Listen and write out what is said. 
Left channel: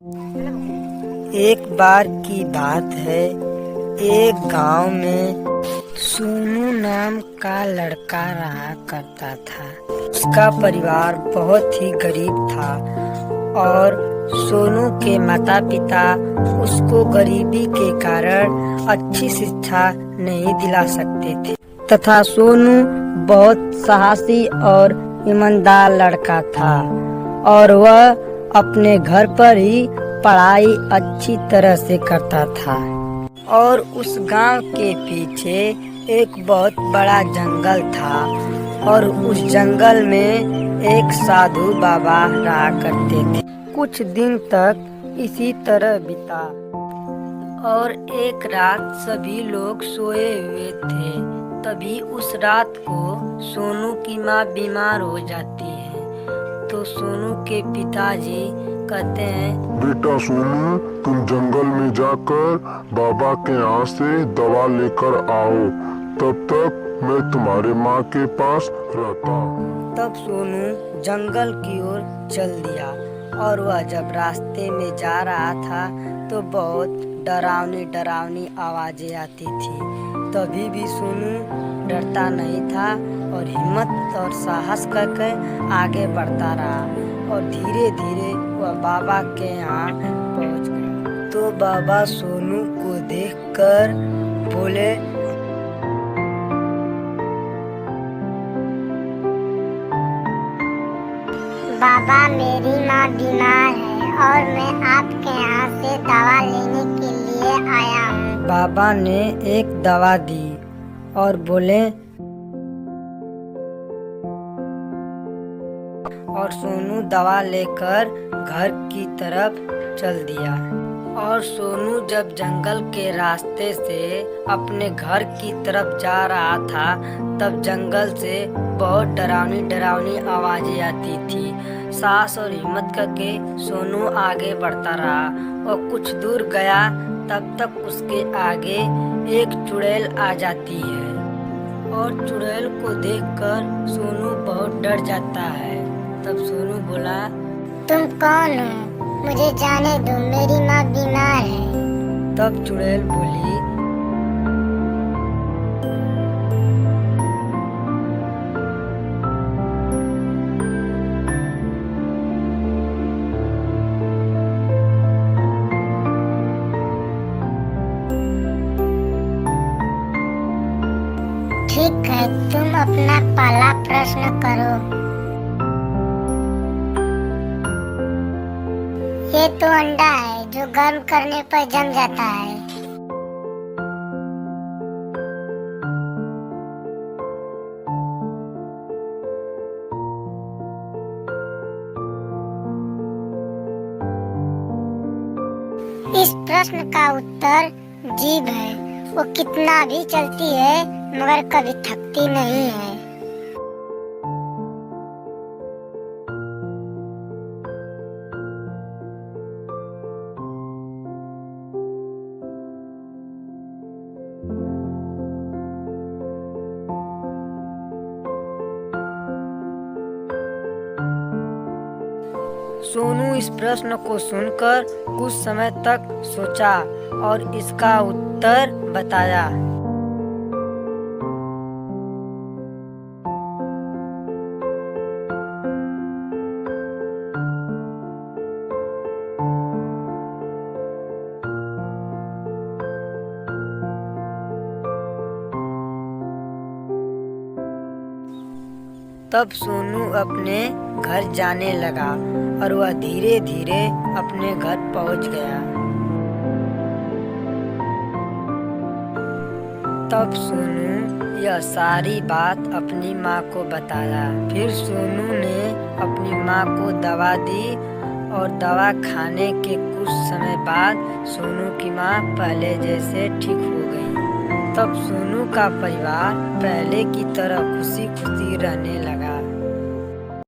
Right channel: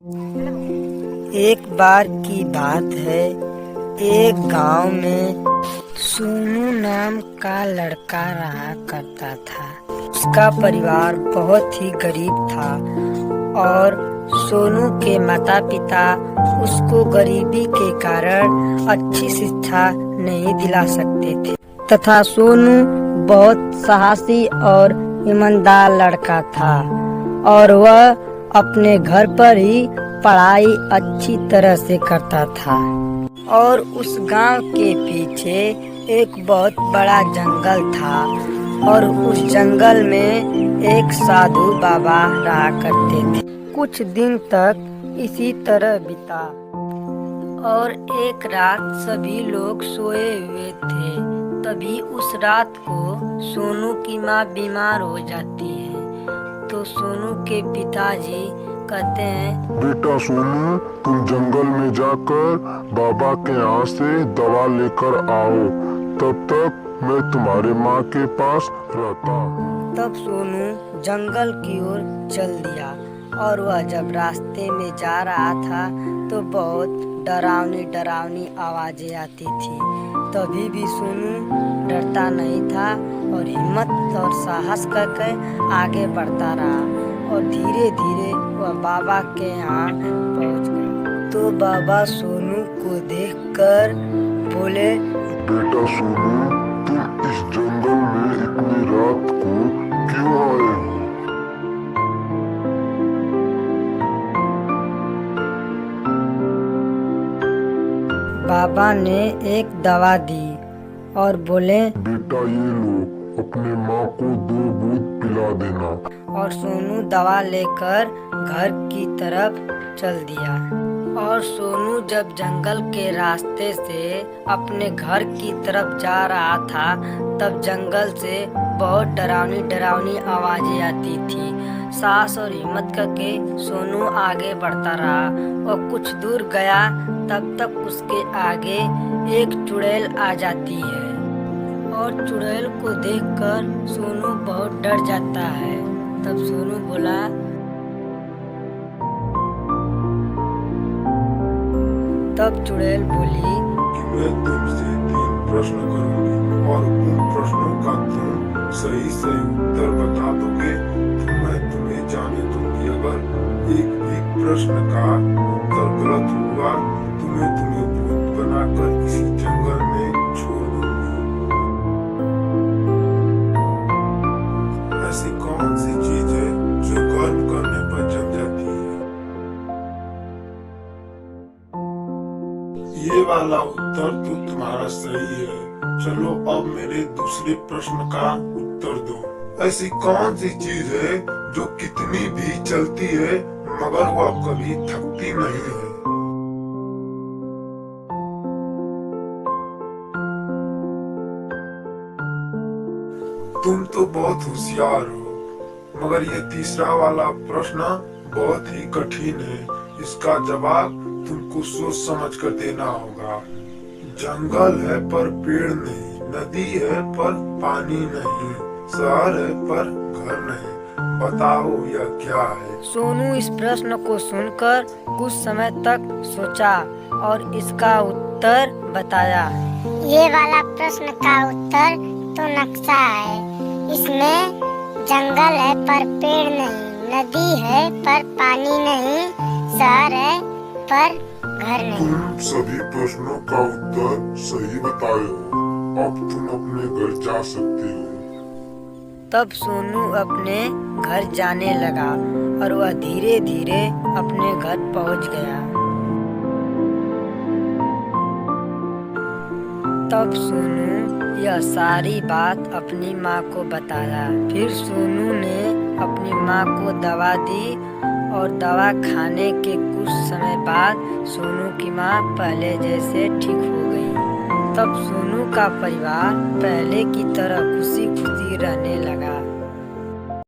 एक बार की बात है, एक गांव में सोनू नाम का लड़का रहा करता था। उसका परिवार बहुत ही गरीब था और सोनू के माता पिता उसको गरीबी के कारण अच्छी शिक्षा नहीं दिला सकते थे तथा सोनू बहुत साहसी और ईमानदार लड़का था और वह अपने घर पर ही पढ़ाई अच्छी तरह से करता था। और उस गांव के पीछे एक बहुत बड़ा जंगल था और उस जंगल में एक साधु बाबा रहा करते थे। कुछ दिन तक इसी तरह बीता और एक रात सभी लोग सोए हुए थे। तभी उस रात को सोनू की माँ बीमार हो जाती है। तो सोनू के पिताजी कहते हैं, बेटा सोनू, तुम जंगल में जाकर बाबा के यहाँ से दवा लेकर आओ, तब तक मैं तुम्हारे माँ के पास रहता। तब सोनू जंगल की ओर चल दिया और वह जब रास्ते में जा रहा था तो बहुत डरावनी आवाजें आती थी। तभी भी सोनू डरता नहीं था और हिम्मत और साहस करके आगे बढ़ता रहा और धीरे धीरे वह बाबा के यहाँ पहुँच गया। तो बाबा सोनू को देखकर बोले, बेटा सोनू, तुम इस जंगल में इतनी रात को क्यों आए हो? बाबा, मेरी माँ बीमार है और मैं आपके यहाँ से दवा लेने के लिए आया हूँ। बाबा ने एक दवा दी और बोले, बेटा ये लो, अपने माँ को 2 बूंद पिला देना। और सोनू दवा लेकर घर की तरफ चल दिया। और सोनू जब जंगल के रास्ते से अपने घर की तरफ जा रहा था तब जंगल से बहुत डरावनी आवाजें आती थी। साहस और हिम्मत करके सोनू आगे बढ़ता रहा और कुछ दूर गया तब तक उसके आगे एक चुड़ैल आ जाती है और चुड़ैल को देखकर सोनू बहुत डर जाता है। तब सोनू बोला, तुम कौन हो? मुझे जाने दो, मेरी माँ बीमार है। तब चुड़ैल बोली, मैं तुमसे 3 प्रश्न करूंगी और उन प्रश्नों का तुम सही से उत्तर बता दोगे तो मैं तुम्हें जाने दूंगी। अगर एक प्रश्न का उत्तर गलत हुआ तो मैं तुम्हें भूत बनाकर इसी जंगल में छोड़ दूंगी। ठीक है, तुम अपना पहला प्रश्न करो। ऐसी कौन सी चीज है जो गर्म करने पर जम जाती है? ये तो अंडा है जो गर्म करने पर जम जाता है। ये वाला उत्तर तो तुम्हारा सही है। चलो अब मेरे दूसरे प्रश्न का उत्तर दो। ऐसी कौन सी चीज है जो कितनी भी चलती है मगर वह कभी थकती नहीं है? इस प्रश्न का उत्तर जीभ है। वो कितना भी चलती है मगर कभी थकती नहीं है। तुम तो बहुत होशियार हो, मगर ये तीसरा वाला प्रश्न बहुत ही कठिन है। इसका जवाब तुमको सोच समझ कर देना होगा। जंगल है पर पेड़ नहीं, नदी है पर पानी नहीं, शहर है पर घर नहीं। बताओ यह क्या है? सोनू इस प्रश्न को सुनकर कुछ समय तक सोचा और इसका उत्तर बताया। ये वाला प्रश्न का उत्तर तो नक्शा है। इसमें जंगल है पर पेड़ नहीं, नदी है पर पानी नहीं, शहर है पर घर नहीं। तुम सभी प्रश्नों का उत्तर सही बताए हो। अब तुम अपने घर जा सकते हो। तब सोनू अपने घर जाने लगा और वह धीरे धीरे अपने घर पहुंच गया। तब सोनू यह सारी बात अपनी माँ को बताया। फिर सोनू ने अपनी माँ को दवा दी और दवा खाने के कुछ समय बाद सोनू की माँ पहले जैसे ठीक हो गई। तब सोनू का परिवार पहले की तरह खुशी खुशी रहने लगा।